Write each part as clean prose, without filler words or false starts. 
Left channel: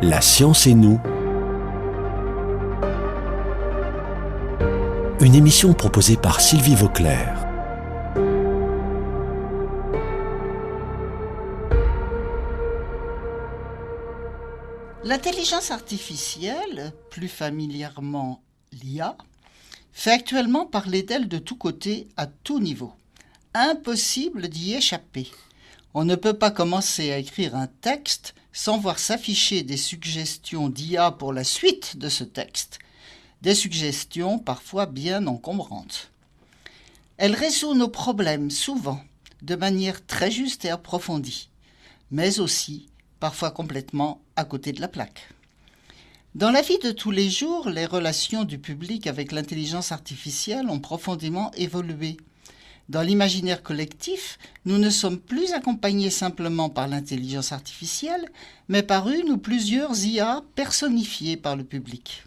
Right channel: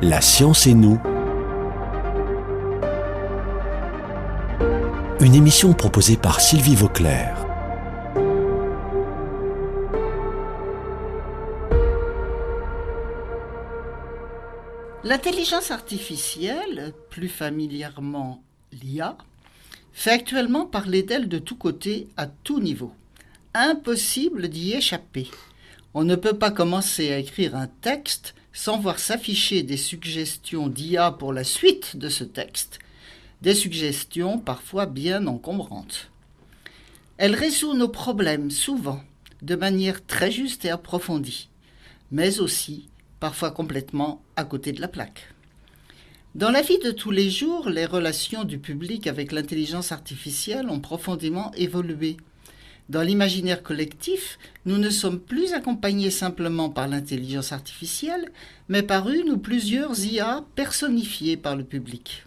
La science et nous. Une émission proposée par Sylvie Vauclair. L'intelligence artificielle, plus familièrement l'IA, fait actuellement parler d'elle de tous côtés, à tout niveau. Impossible d'y échapper. On ne peut pas commencer à écrire un texte sans voir s'afficher des suggestions d'IA pour la suite de ce texte, des suggestions parfois bien encombrantes. Elle résout nos problèmes souvent de manière très juste et approfondie, mais aussi parfois complètement à côté de la plaque. Dans la vie de tous les jours, les relations du public avec l'intelligence artificielle ont profondément évolué. Dans l'imaginaire collectif, nous ne sommes plus accompagnés simplement par l'intelligence artificielle, mais par une ou plusieurs IA personnifiées par le public.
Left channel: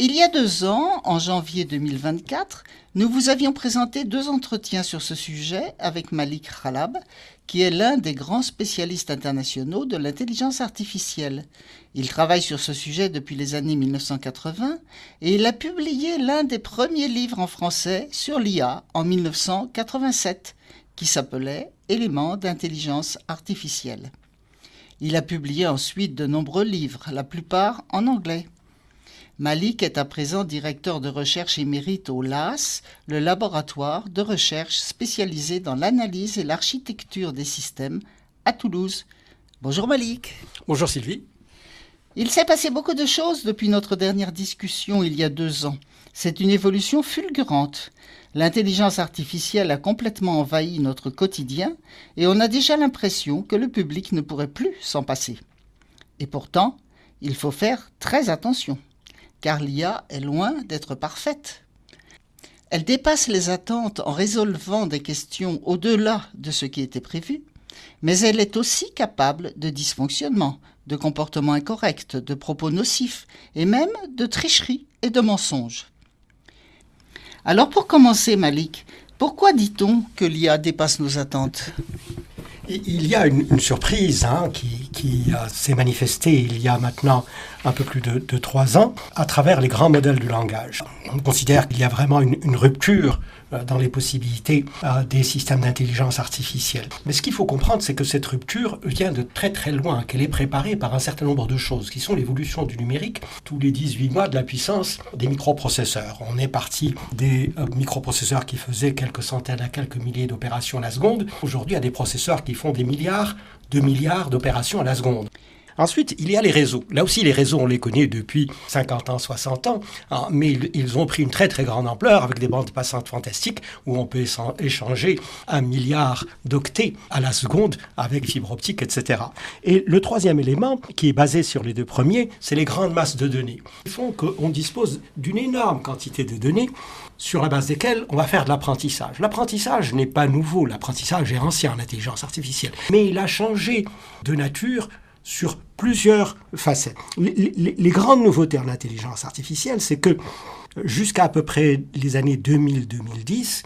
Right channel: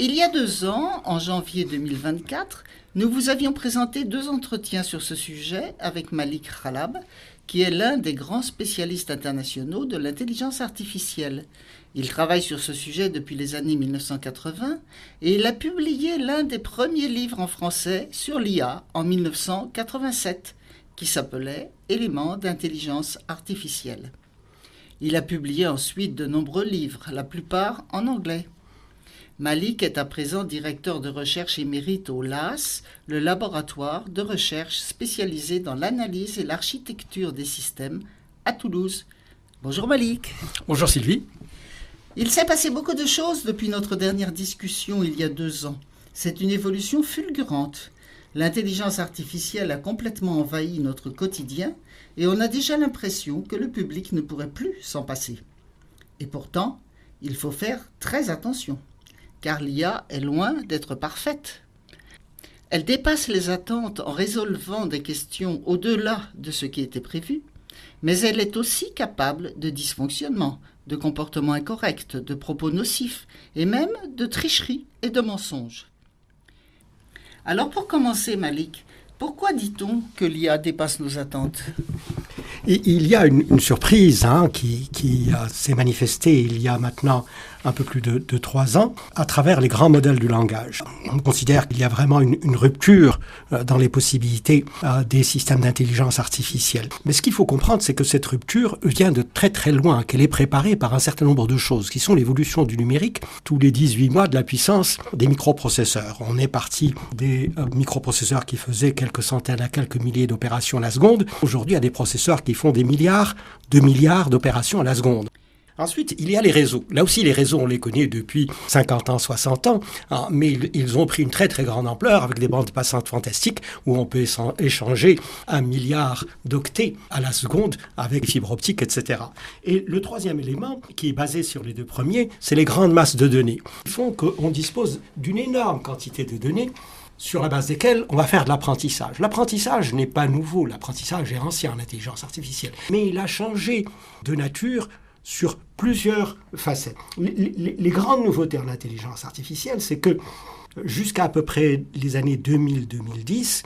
Il y a 2 ans, en janvier 2024, nous vous avions présenté 2 entretiens sur ce sujet avec Malik Khalab, qui est l'un des grands spécialistes internationaux de l'intelligence artificielle. Il travaille sur ce sujet depuis les années 1980 et il a publié l'un des premiers livres en français sur l'IA en 1987, qui s'appelait « Éléments d'intelligence artificielle ». Il a publié ensuite de nombreux livres, la plupart en anglais. Malik est à présent directeur de recherche émérite au LAS, le laboratoire de recherche spécialisé dans l'analyse et l'architecture des systèmes à Toulouse. Bonjour Malik. Bonjour Sylvie. Il s'est passé beaucoup de choses depuis notre dernière discussion il y a 2 ans. C'est une évolution fulgurante. L'intelligence artificielle a complètement envahi notre quotidien et on a déjà l'impression que le public ne pourrait plus s'en passer. Et pourtant, il faut faire très attention, car l'IA est loin d'être parfaite. Elle dépasse les attentes en résolvant des questions au-delà de ce qui était prévu, mais elle est aussi capable de dysfonctionnements, de comportements incorrects, de propos nocifs et même de tricheries et de mensonges. Alors pour commencer, Malik, pourquoi dit-on que l'IA dépasse nos attentes ? Il y a une surprise qui s'est manifestée il y a maintenant un peu plus de 3 ans à travers les grands modèles du langage. On considère qu'il y a vraiment une rupture dans les possibilités des systèmes d'intelligence artificielle. Mais ce qu'il faut comprendre, c'est que cette rupture vient de très très loin, qu'elle est préparée par un certain nombre de choses, qui sont l'évolution du numérique, tous les 18 mois de la puissance des microprocesseurs. On est parti des microprocesseurs qui faisaient quelques centaines à quelques milliers d'opérations à la seconde. Aujourd'hui, il y a des processeurs qui font des milliards d'opérations à la seconde. Ensuite, il y a les réseaux. Là aussi, les réseaux, on les connaît depuis 50 ans, 60 ans, mais ils ont pris une très très grande ampleur avec des bandes passantes fantastiques où on peut échanger 1 milliard d'octets à la seconde avec fibre optique, etc. Et le troisième élément, qui est basé sur les 2 premiers, c'est les grandes masses de données. Ils font qu'on dispose d'une énorme quantité de données sur la base desquelles on va faire de l'apprentissage. L'apprentissage n'est pas nouveau, l'apprentissage est ancien en intelligence artificielle, mais il a changé de nature sur plusieurs facettes. Les grandes nouveautés en intelligence artificielle, c'est que jusqu'à à peu près les années 2000-2010,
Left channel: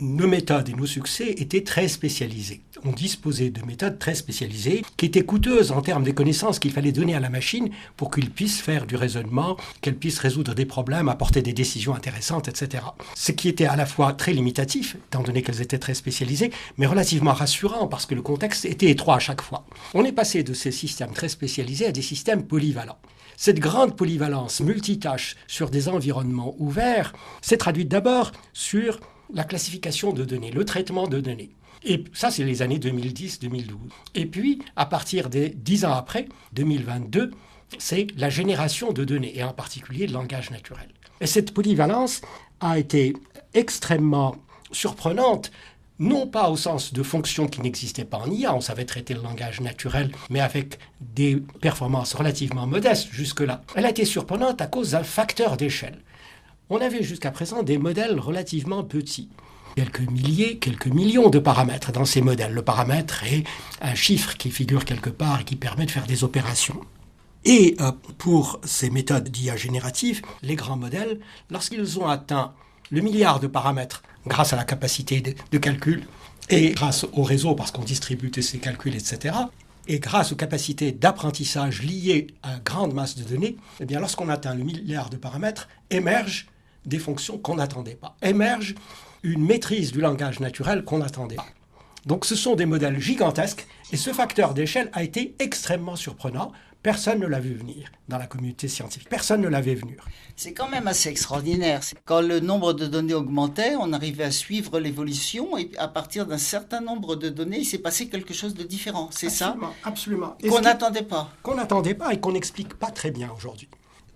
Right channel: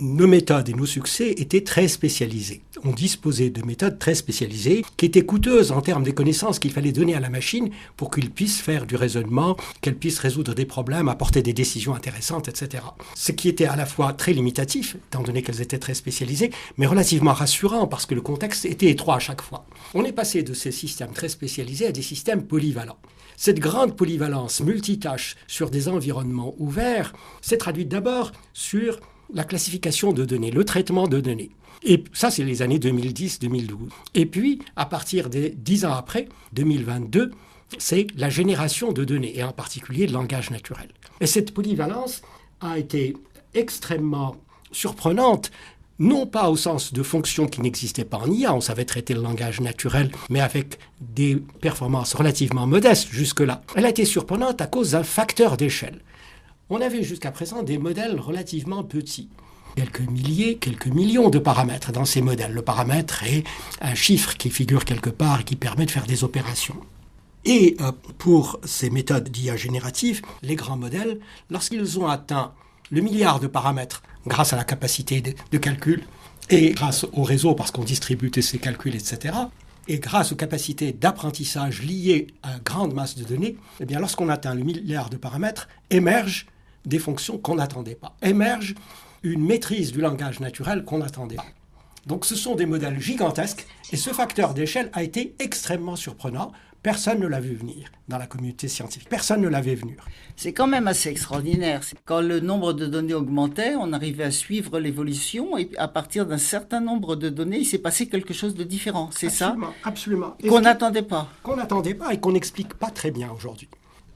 nos méthodes et nos succès étaient très spécialisés. On disposait de méthodes très spécialisées qui étaient coûteuses en termes des connaissances qu'il fallait donner à la machine pour qu'elle puisse faire du raisonnement, qu'elle puisse résoudre des problèmes, apporter des décisions intéressantes, etc. Ce qui était à la fois très limitatif, étant donné qu'elles étaient très spécialisées, mais relativement rassurant parce que le contexte était étroit à chaque fois. On est passé de ces systèmes très spécialisés à des systèmes polyvalents. Cette grande polyvalence multitâche sur des environnements ouverts s'est traduite d'abord sur la classification de données, le traitement de données. Et ça, c'est les années 2010-2012. Et puis, à partir des 10 ans après, 2022, c'est la génération de données, et en particulier le langage naturel. Et cette polyvalence a été extrêmement surprenante, non pas au sens de fonctions qui n'existaient pas en IA, on savait traiter le langage naturel, mais avec des performances relativement modestes jusque-là. Elle a été surprenante à cause d'un facteur d'échelle. On avait jusqu'à présent des modèles relativement petits. Quelques milliers, quelques millions de paramètres dans ces modèles. Le paramètre est un chiffre qui figure quelque part et qui permet de faire des opérations. Et pour ces méthodes d'IA générative, les grands modèles, lorsqu'ils ont atteint le milliard de paramètres grâce à la capacité de calcul et grâce au réseau, parce qu'on distribue tous ces calculs, etc., Et grâce aux capacités d'apprentissage liées à grande masse de données, eh bien, lorsqu'on atteint le milliard de paramètres, émergent des fonctions qu'on n'attendait pas. Émerge une maîtrise du langage naturel qu'on n'attendait pas. Donc ce sont des modèles gigantesques et ce facteur d'échelle a été extrêmement surprenant. Personne ne l'a vu venir dans la communauté scientifique. Personne ne l'avait vu venir. C'est quand même assez extraordinaire. Quand le nombre de données augmentait, on arrivait à suivre l'évolution et à partir d'un certain nombre de données, il s'est passé quelque chose de différent. C'est Absolument, ça? absolument. Qu'on n'attendait pas. Qu'on n'attendait pas et qu'on n'explique pas très bien aujourd'hui.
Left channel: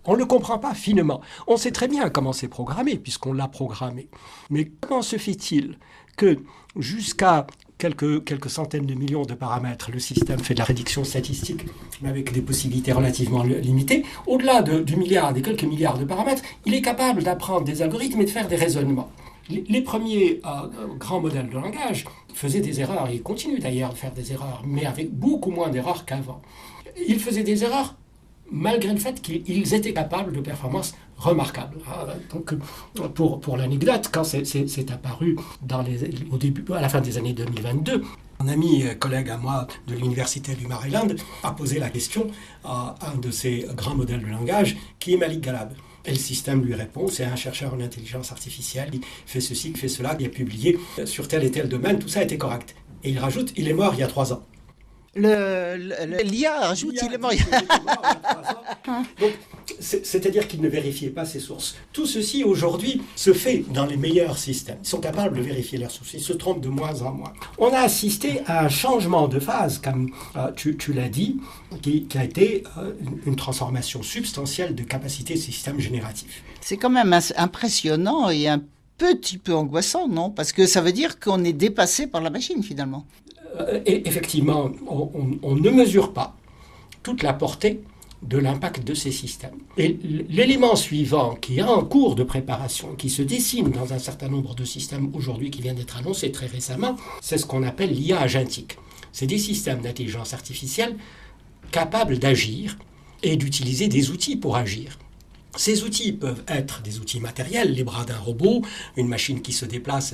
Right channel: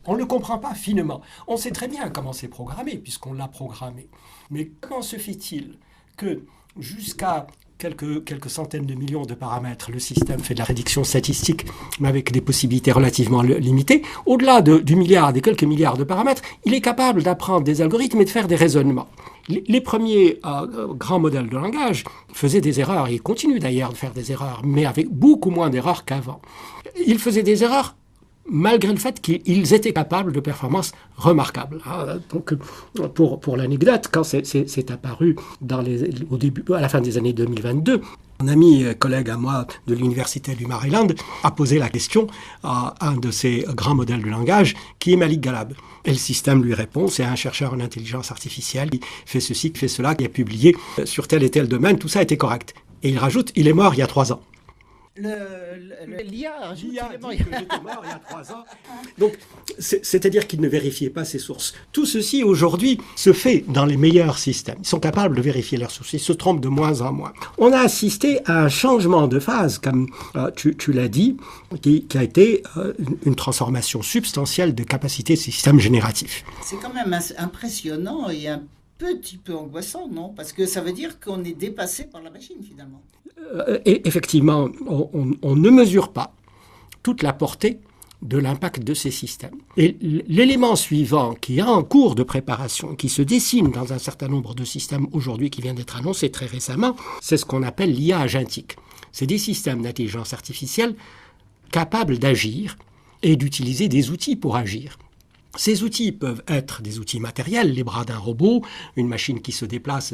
On ne le comprend pas finement. On sait très bien comment c'est programmé, puisqu'on l'a programmé. Mais comment se fait-il que jusqu'à quelques centaines de millions de paramètres, le système fait de la prédiction statistique, mais avec des possibilités relativement limitées. Au-delà du milliard, des quelques milliards de paramètres, il est capable d'apprendre des algorithmes et de faire des raisonnements. Les premiers grands modèles de langage faisaient des erreurs, et ils continuent d'ailleurs de faire des erreurs, mais avec beaucoup moins d'erreurs qu'avant. Ils faisaient des erreurs malgré le fait qu'ils étaient capables de performances remarquables. Donc, pour l'anecdote, quand c'est apparu au début, à la fin des années 2022, un ami, collègue à moi de l'université du Maryland a posé la question à un de ces grands modèles de langage, qui est Malik Galab. Et le système lui répond, c'est un chercheur en intelligence artificielle, qui fait ceci, qui fait cela, qui a publié sur tel et tel domaine, tout ça était correct. Et il rajoute, il est mort il y a 3 ans. L'IA ajoute, il est mort il y a 3 ans. Donc, c'est-à-dire qu'il ne vérifiait pas ses sources. Tout ceci, aujourd'hui, se fait dans les meilleurs systèmes. Ils sont capables de vérifier leurs sources. Ils se trompent de moins en moins. On a assisté à un changement de phase, comme tu l'as dit, qui a été une transformation substantielle de capacité de système génératif. C'est quand même impressionnant et un petit peu angoissant, non? Parce que ça veut dire qu'on est dépassé par la machine, finalement. Et effectivement, on ne mesure pas toute la portée de l'impact de ces systèmes. Et l'élément suivant qui est en cours de préparation, qui se dessine dans un certain nombre de systèmes aujourd'hui, qui vient d'être annoncé très récemment, c'est ce qu'on appelle l'IA agentique. C'est des systèmes d'intelligence artificielle capables d'agir et d'utiliser des outils pour agir. Ces outils peuvent être des outils matériels, les bras d'un robot, une machine qui se déplace,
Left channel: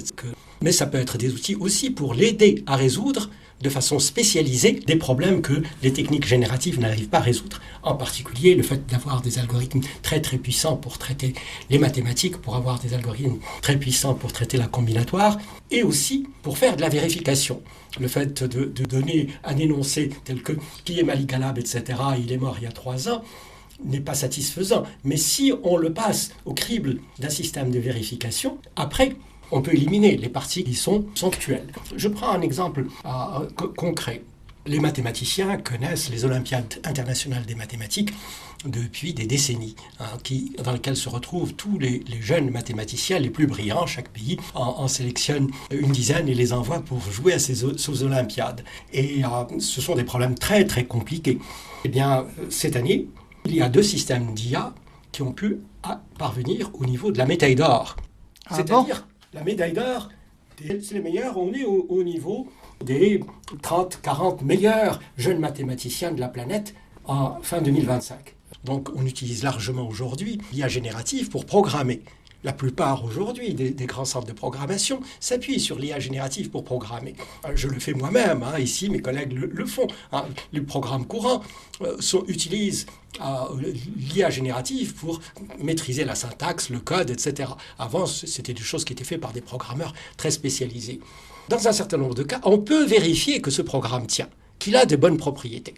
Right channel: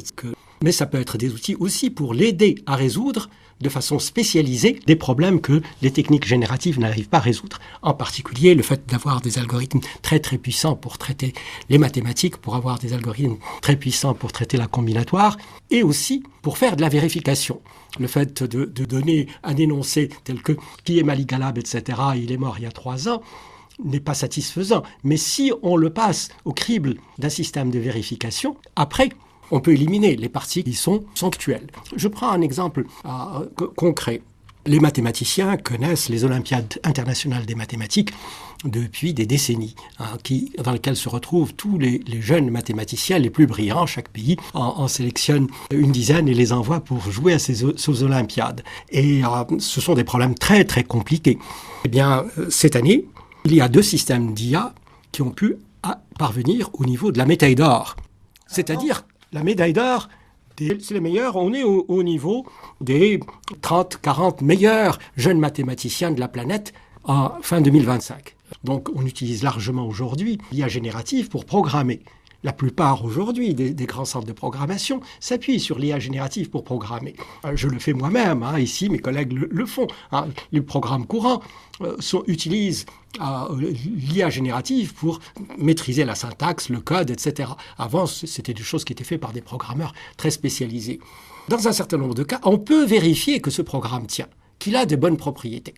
mais ça peut être des outils aussi pour l'aider à résoudre de façon spécialisée des problèmes que les techniques génératives n'arrivent pas à résoudre. En particulier, le fait d'avoir des algorithmes très très puissants pour traiter les mathématiques, pour avoir des algorithmes très puissants pour traiter la combinatoire, et aussi pour faire de la vérification. Le fait de donner un énoncé tel que « qui est Malik Galab », etc., il est mort il y a 3 ans, n'est pas satisfaisant. Mais si on le passe au crible d'un système de vérification, après, on peut éliminer les parties qui sont actuelles. Je prends un exemple concret. Les mathématiciens connaissent les Olympiades internationales des mathématiques depuis des décennies, dans lesquelles se retrouvent tous les jeunes mathématiciens les plus brillants. Chaque pays en sélectionne une dizaine et les envoie pour jouer à ces Olympiades. Et ce sont des problèmes très très compliqués. Eh bien, cette année, il y a 2 systèmes d'IA qui ont pu parvenir au niveau de la médaille d'or. C'est-à-dire, la médaille d'or, c'est les meilleurs, on est au niveau des 30-40 meilleurs jeunes mathématiciens de la planète en fin 2025. Donc, on utilise largement aujourd'hui l'IA générative pour programmer. La plupart aujourd'hui des grands centres de programmation s'appuient sur l'IA générative pour programmer. Je le fais moi-même, ici mes collègues le font. Les programmes courants utilisent l'IA générative pour maîtriser la syntaxe, le code, etc. Avant, c'était des choses qui étaient faites par des programmeurs très spécialisés. Dans un certain nombre de cas, on peut vérifier que ce programme tient, qu'il a de bonnes propriétés.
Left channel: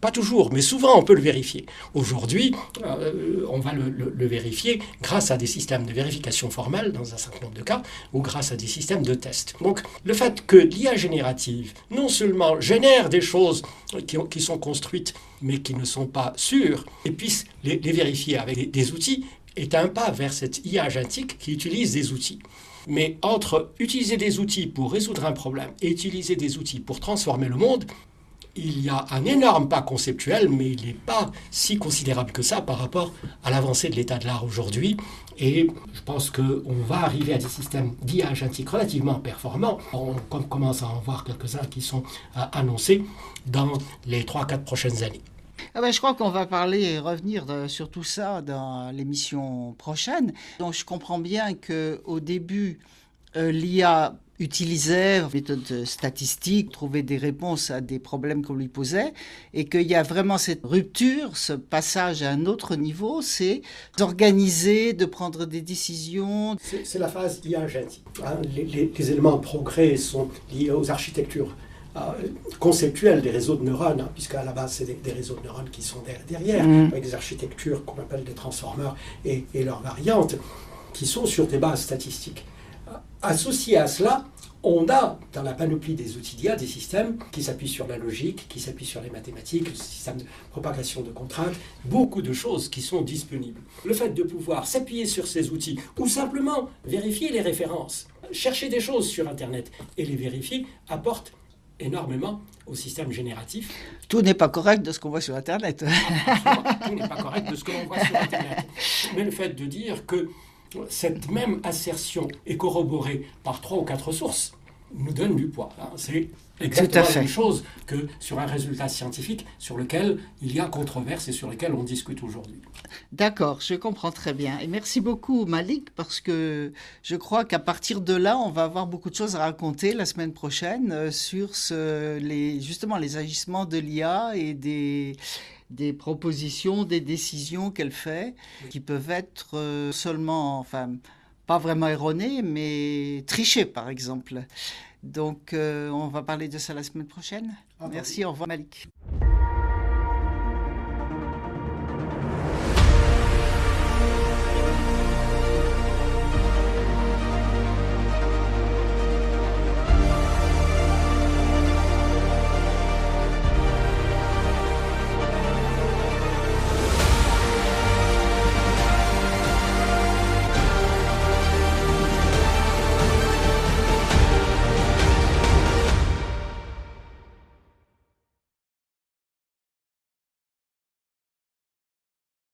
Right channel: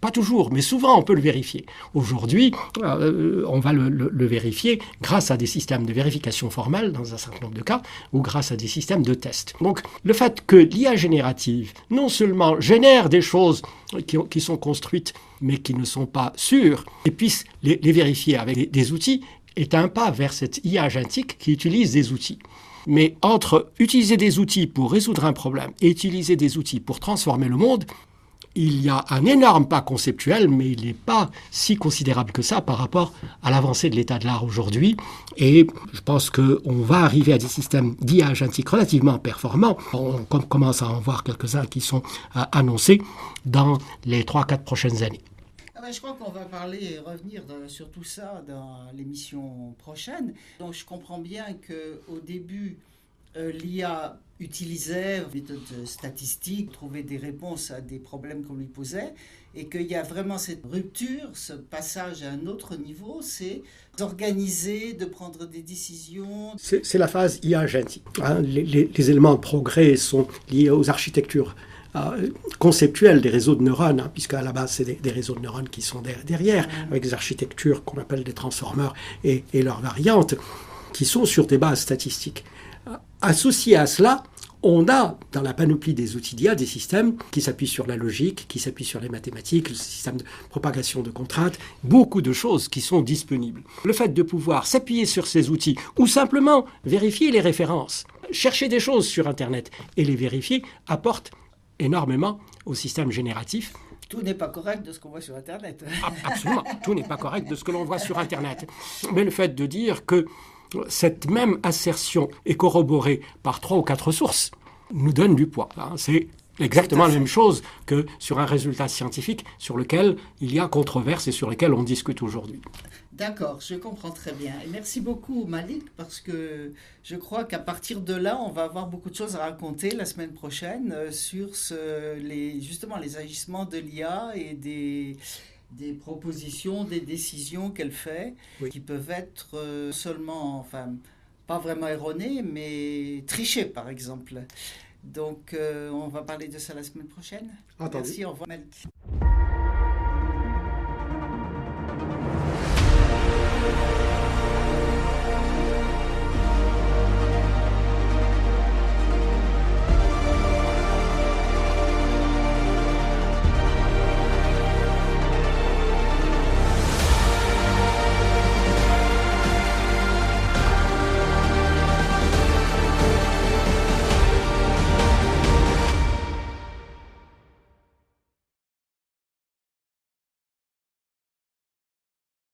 Pas toujours, mais souvent on peut le vérifier. Aujourd'hui, on va le vérifier grâce à des systèmes de vérification formelle, dans un certain nombre de cas, ou grâce à des systèmes de test. Donc, le fait que l'IA générative, non seulement génère des choses qui sont construites, mais qui ne sont pas sûres, et puisse les vérifier avec des outils, est un pas vers cette IA agentique qui utilise des outils. Mais entre utiliser des outils pour résoudre un problème et utiliser des outils pour transformer le monde, il y a un énorme pas conceptuel, mais il n'est pas si considérable que ça par rapport à l'avancée de l'état de l'art aujourd'hui. Et je pense qu'on va arriver à des systèmes d'IA agentique relativement performants. On commence à en voir quelques-uns qui sont annoncés dans les 3-4 prochaines années. Je crois qu'on va parler et revenir sur tout ça dans l'émission prochaine. Donc je comprends bien qu'au début, l'IA utilisait une méthode statistique, trouver des réponses à des problèmes qu'on lui posait, et qu'il y a vraiment cette rupture, ce passage à un autre niveau, c'est d'organiser, de prendre des décisions. C'est la phase IA génétique. Les éléments de progrès sont liés aux architectures conceptuelles des réseaux de neurones, puisqu'à la base, c'est des réseaux de neurones qui sont derrière, avec des architectures qu'on appelle des transformers et leurs variantes, qui sont sur des bases statistiques. Associé à cela, on a dans la panoplie des outils d'IA des systèmes qui s'appuient sur la logique, qui s'appuient sur les mathématiques, le système de propagation de contraintes, beaucoup de choses qui sont disponibles. Le fait de pouvoir s'appuyer sur ces outils ou simplement vérifier les références, chercher des choses sur Internet et les vérifier apporte énormément au système génératif. Tout n'est pas correct de ce qu'on voit sur Internet. Absolument, tout n'est pas correct de ce que l'on voit sur Internet. Mais le fait de dire que cette même assertion est corroborée par 3 ou 4 sources nous donne du poids. C'est exactement la même chose que sur un résultat scientifique sur lequel il y a controverse et sur lequel on discute aujourd'hui. D'accord, je comprends très bien. Et merci beaucoup Malik, parce que je crois qu'à partir de là, on va avoir beaucoup de choses à raconter la semaine prochaine sur justement les agissements de l'IA et des propositions, des décisions qu'elle fait, qui peuvent être pas vraiment erronées, mais trichées, par exemple. Donc, on va parler de ça la semaine prochaine. Merci, au revoir Malik.